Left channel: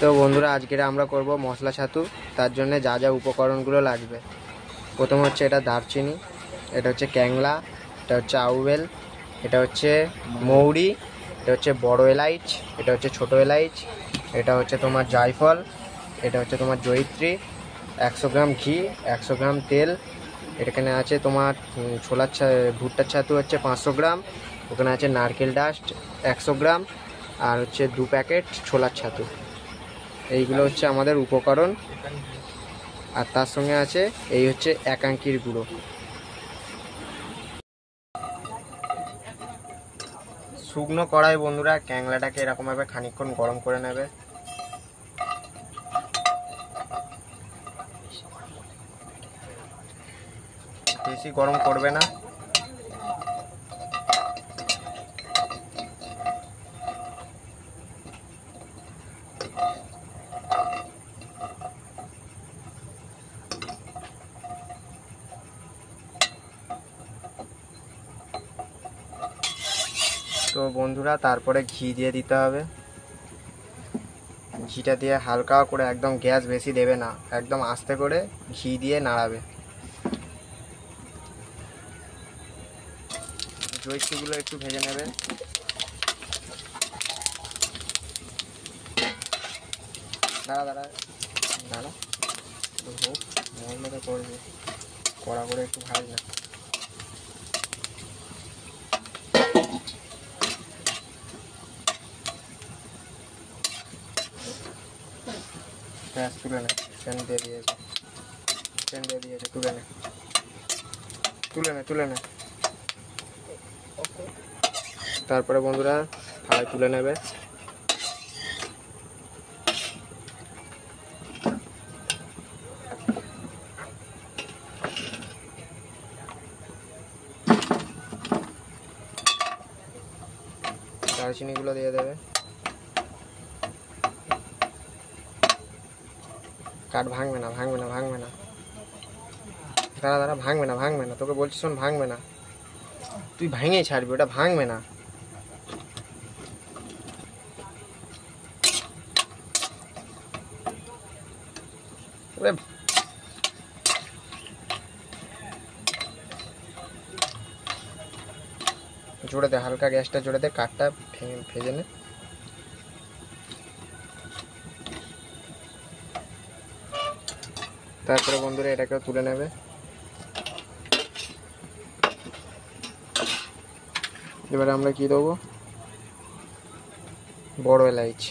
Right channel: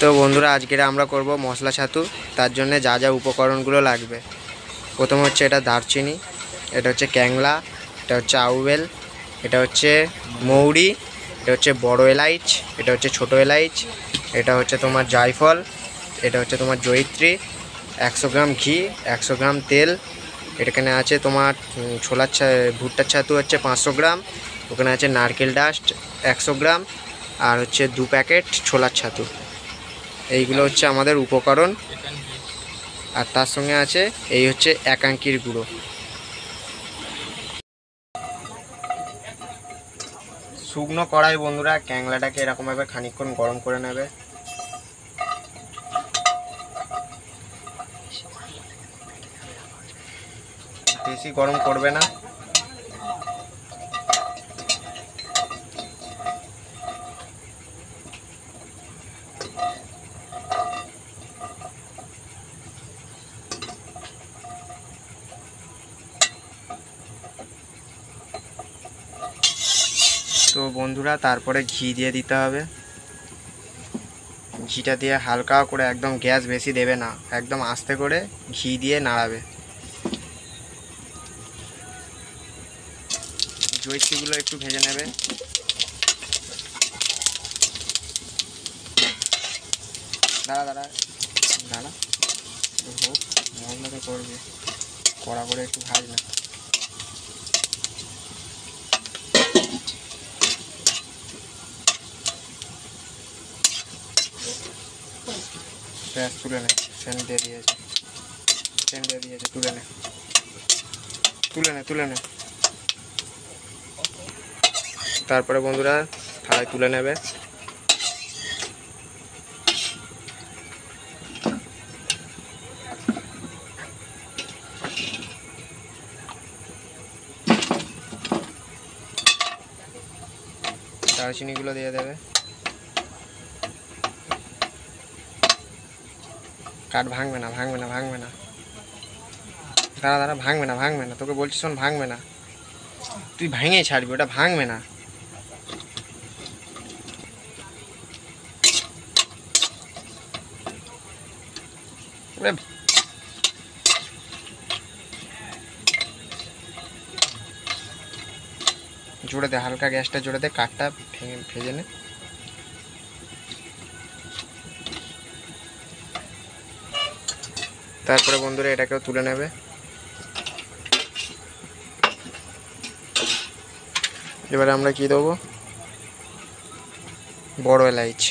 তো বন্ধুরা আজকে আমরা করব মশলা ছাতু। তার জন্য যা যা উপকরণগুলো লাগবে, প্রথম হচ্ছে এটা দারচিনি, এটা হচ্ছে ক্যাংলা, এটা হচ্ছে আউবেল, এটা হচ্ছে মৌরি, এটা হচ্ছে বড় এলাইচ, এটা হচ্ছে ছোট এলাইচ, এটা হচ্ছে তোমার জায়ফল, এটা হচ্ছে তোমার জয়িত্রী, 100 গ্রাম ঘি, 100 গ্রাম তেল, এখানে আছে তোমার ভুট্টার ছাতু হচ্ছে 500 গ্রাম, ওখানে আছে নারকেল ডাস্ট 100 গ্রাম, আর হচ্ছে 2 প্যাকেট ছোলার ছাতু। এইগুলো হচ্ছে আমাদের উপকরণ। আর তার সঙ্গে আছে এই হচ্ছে একাঙ্কির গুঁড়ো। শুকনো কড়াই বন্ধুরা ক্যাংলাটাকে এরকমভাবে খানিকক্ষণ গরম করে নেবে। বেশি গরম করবে না। তো বন্ধুরা তারপরে ঘি দিয়ে দিতে হবে। ঘিটা দিয়ে হালকা করে, একদম গ্যাস বেশি দেবে না, একদম আস্তে করে ঘি দিয়ে নাড়াবে। জয়িত্রীগুলো একটু ভেজে নেবে। দাঁড়া দাঁড়া দাঁড়া হোক, মশলাটা করবে, কড়া করে একটু ভাজ না। গ্যাস তুলে নে, সেন্ট দিয়ে দিয়েছে, তুলে নে তুলে নে। তারপরে বন্ধুরা থালায় তুলে নেবে। দারচিনিগুলো দিয়ে দেবে। কাঠ ভাঙবে না দাঁড়া ভাঙবে না, তোকে বলছি শোন, ভাঙবে না, তুই ভেঙেই ছাড়বি, ওটা ভাঙবে না। জোরে দে, হালকা গ্যাসটা জোরে দে, কাঠটা ভেজে নে। তারপরে বন্ধুরা এটাকেও তুলে নেবে। এবারে আমরা কি দেবো, বড় এলাইচ,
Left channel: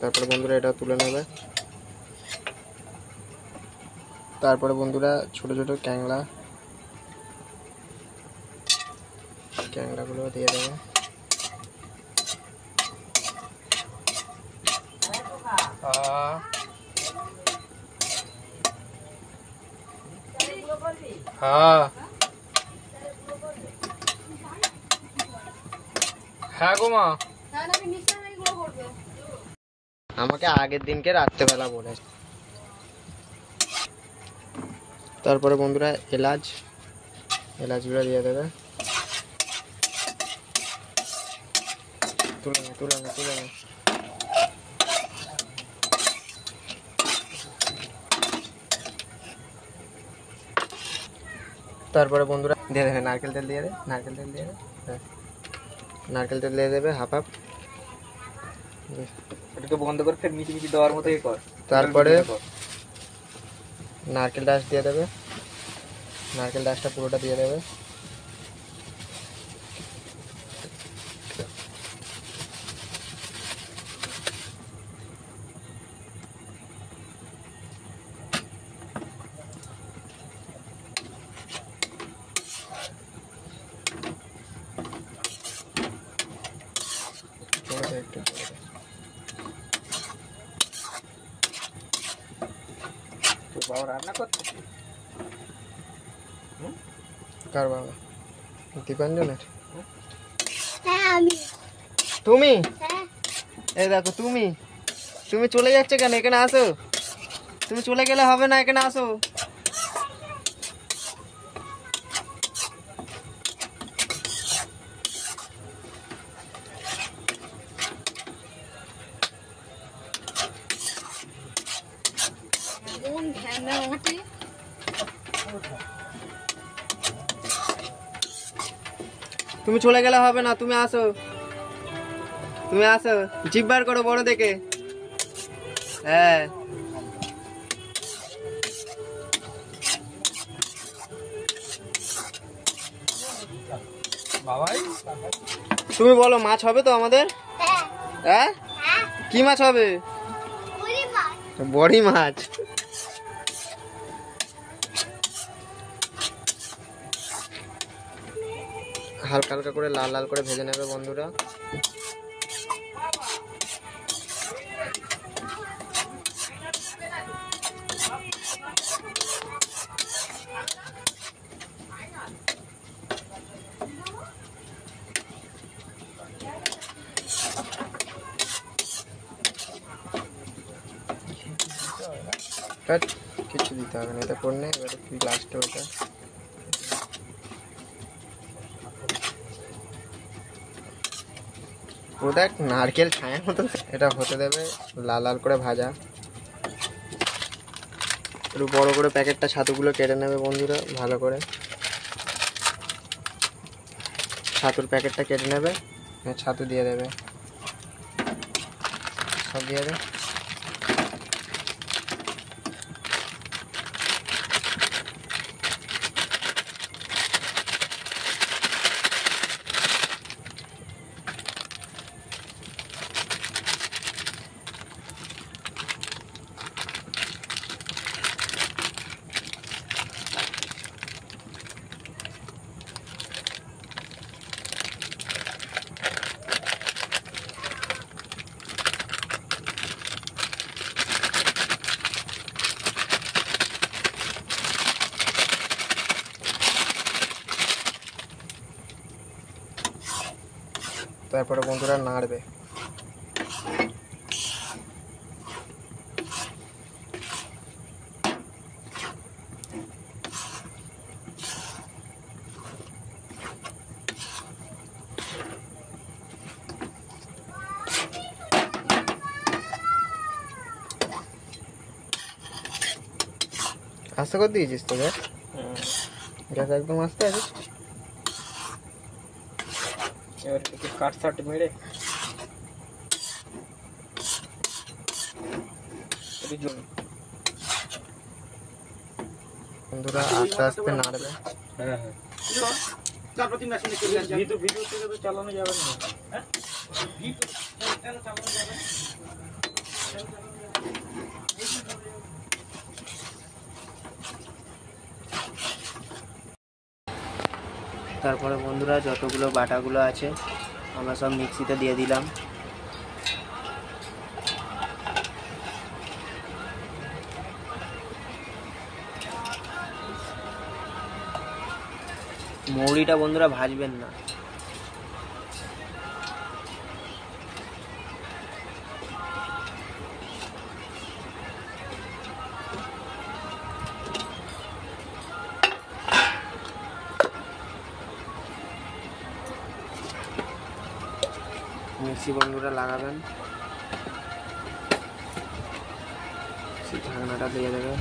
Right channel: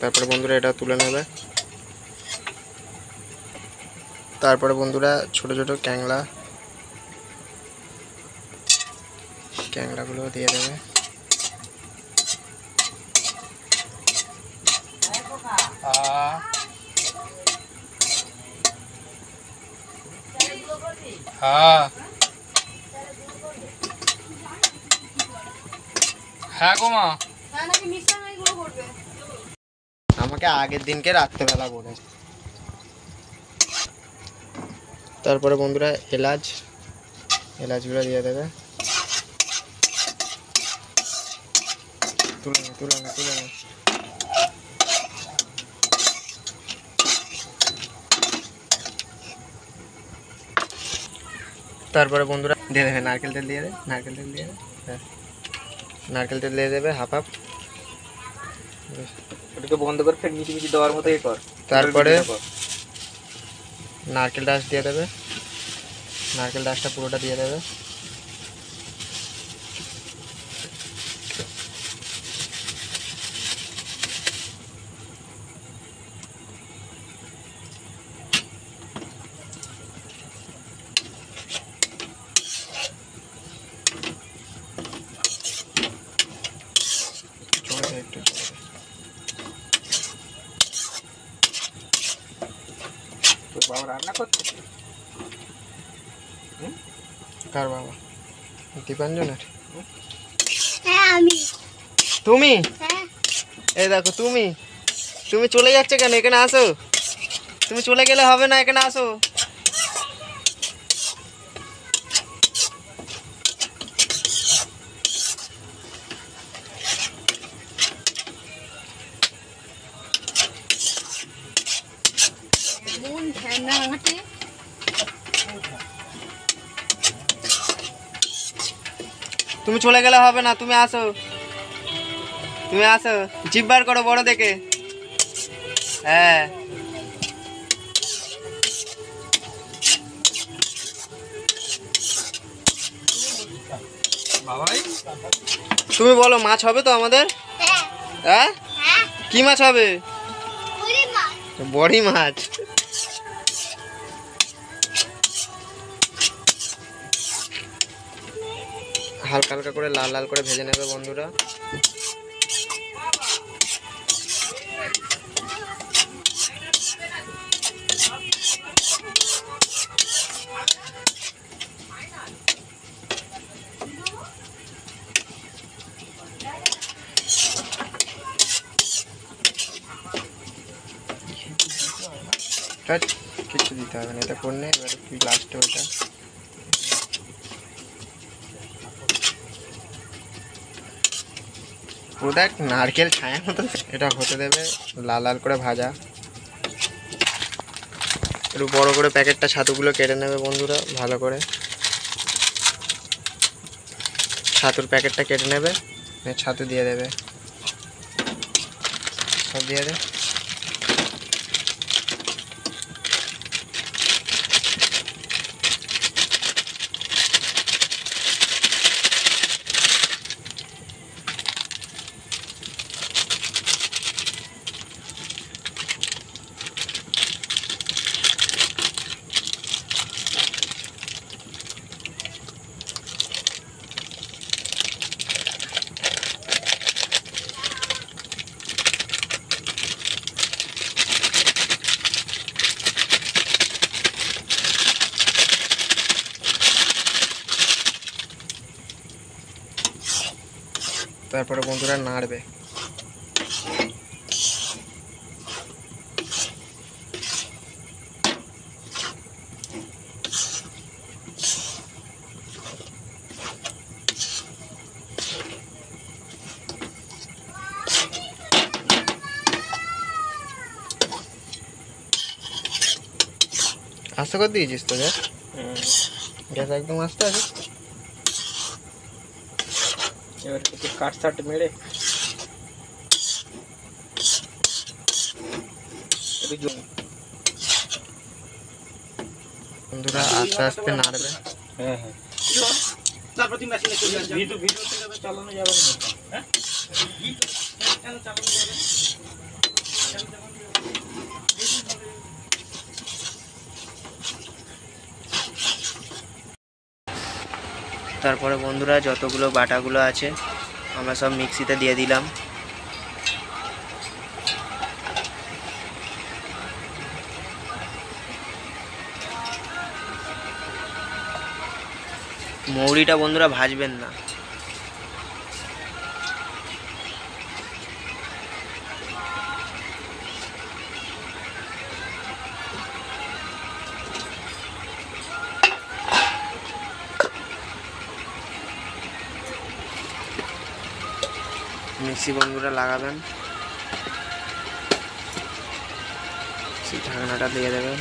তারপরে বন্ধুরা এটা তুলে নেবে। তারপরে বন্ধুরা ছোট ছোট ক্যাংলাগুলো দিয়ে দেবে। হ্যাঁ গো মা, আমাকে আগের দিনকে রাত্রেবেলা বলে। তারপরে বন্ধুরা এলাচগুলো দিয়ে দেবে। তুলে নে। তারপরে বন্ধুরা দিয়ে দেবে নারকেল তেল দিয়ে দেবে হাফ। ওটাকে বন্ধ করে ফের মিটি দেওয়ার মতো কর। তারপরে নারকেল ডাস্ট দিয়ে দেবে, নারকেল ডাস্টটা পুরোটা দিয়ে দেবে। একটু বাবা রান্না করছে? কার বাবা? দীপাঞ্জনের? হ্যাঁ আমি। তুমি? হ্যাঁ। এই দেখো তুমি চলে যাচ্ছে কেন, এখানে আসো। তুমি চলে গেলে হবে না, এখানে আসো। তুমি চলে গেলে হবে না, তুমি আসো, তুমি আসো। জিভ বার করো বড় দেখে। হ্যাঁ, বাবাই তুমি বলো মাছ হবে তো আমাদের? হ্যাঁ, কি মাছ হবে? বড়ি মাছ। হালকা হালকা করে লাল লাল করে ভেজে নেবে বন্ধুরা। কিছু দিতে হবে না, এটা করলে এবার লাস্টে ওটা ও দেখ নারকেল ছায়া মতো। এটা হতে দেবে লাল লাল করে ভাজা। একটু বড় করে প্যাকেটটা ছাতুগুলো কেটে নেবে বন্ধুরা, ভালো করে ছাতুর প্যাকেটটা কেটে নেবে, ছাতু দিয়ে দেবে, সব দিয়ে দে। তারপরে বন্ধুরা নাড়বে। আস্তে করে দিয়েছিস তো গ্যাস? গ্যাস একদম আস্তে আছে। এবার একটু কাট সাট মেরে বন্ধুরা আস্তে আস্তে নাড়বে। হ্যাঁ হ্যাঁ, তারপর তুমি মেশিনে চলে আসবে। ভিডিও থেকে তো চালানো যাবে না। হ্যাঁ, চালানো যাবে। তারপরে বন্ধুরা যতগুলো বাটাগুলো আছে আমরা সব মিক্সিতে দিয়ে দিলাম। মৌরিটা বন্ধুরা ভাজবেন না, মিক্সি বন্ধুরা লাগাবেন, সেই ঢাকনাটা দিয়ে দেবেন।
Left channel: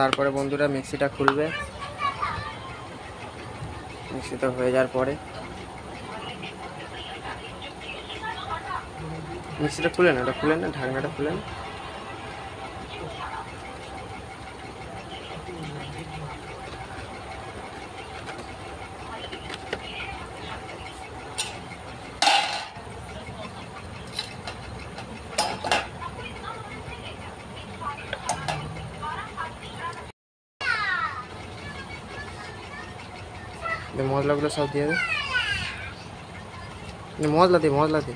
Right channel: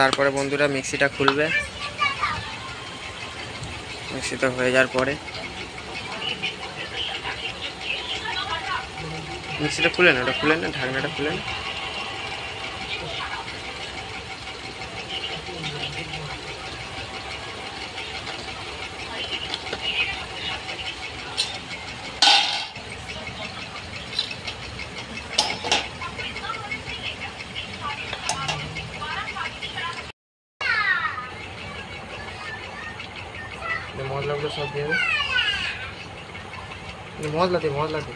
তারপরে বন্ধুরা মিক্সিটা খুলবে। মিক্সিটা হয়ে যাওয়ার পরে মিক্সিটা খুলে না, ওটা খুলে না, ঢাকনাটা খুলে না। মশলাগুলো সব দিয়ে দেবে। মশলা দে, মশলা দে।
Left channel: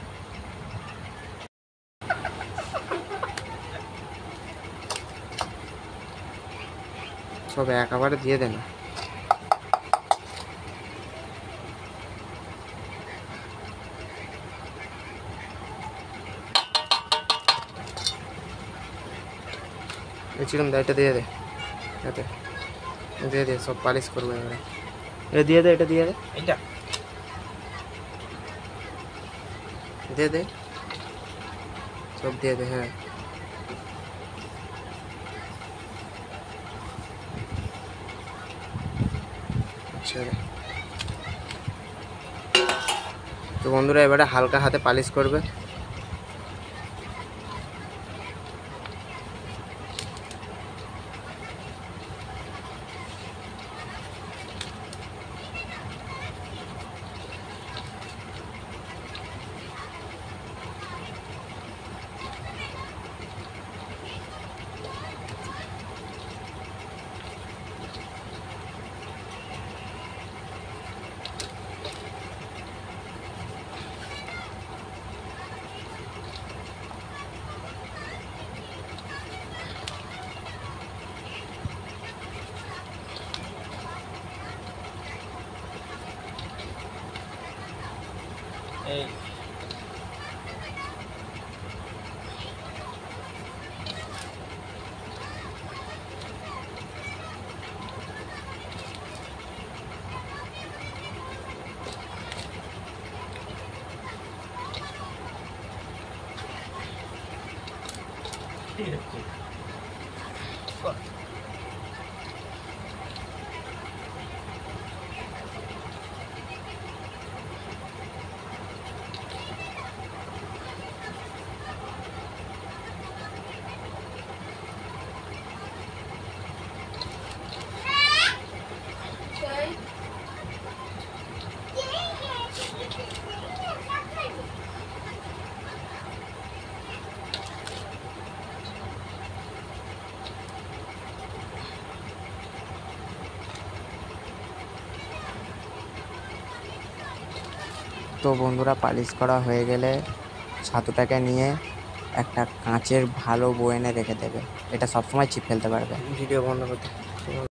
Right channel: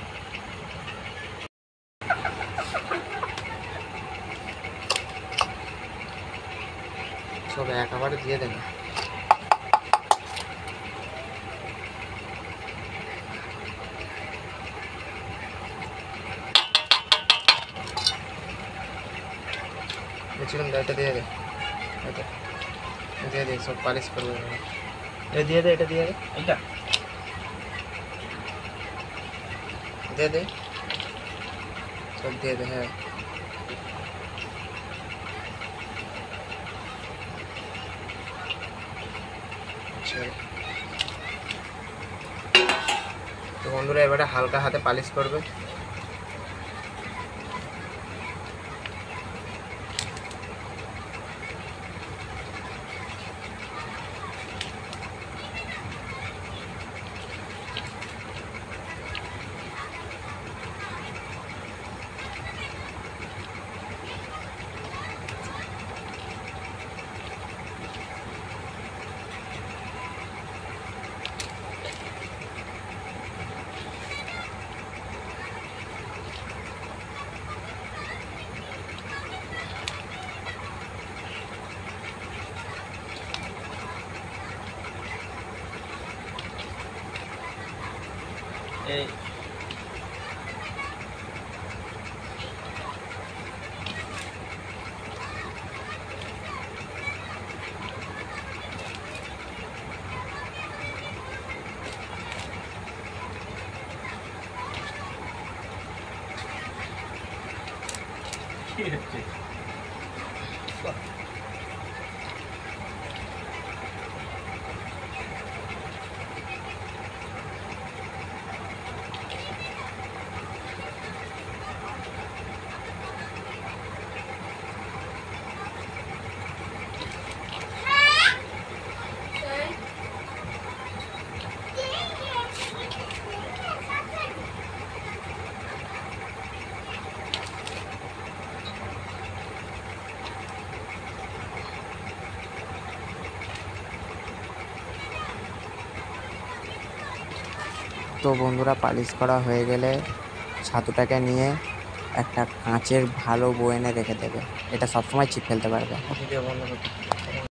সব একেবারে দিয়ে দে না। চিকেন এটা দিয়ে দে, এটা দিয়ে দে, সব পালিশ করবে। এটা দিয়ে দে, এটা দিয়ে দে, এইটা দিয়ে দে, সব দিয়ে দে। হ্যাঁ আচ্ছা, তো বন্ধুরা এবারে হালকা হাতে পালিশ করবে। এই কি হচ্ছে? তো বন্ধুরা পালিশ করা হয়ে গেলে ছাতুটাকে নিয়ে একটা কাঁচের ভালো বয়ামে রেখে দেবে। এটা সবসময় চিপ ফেলতে পারবে।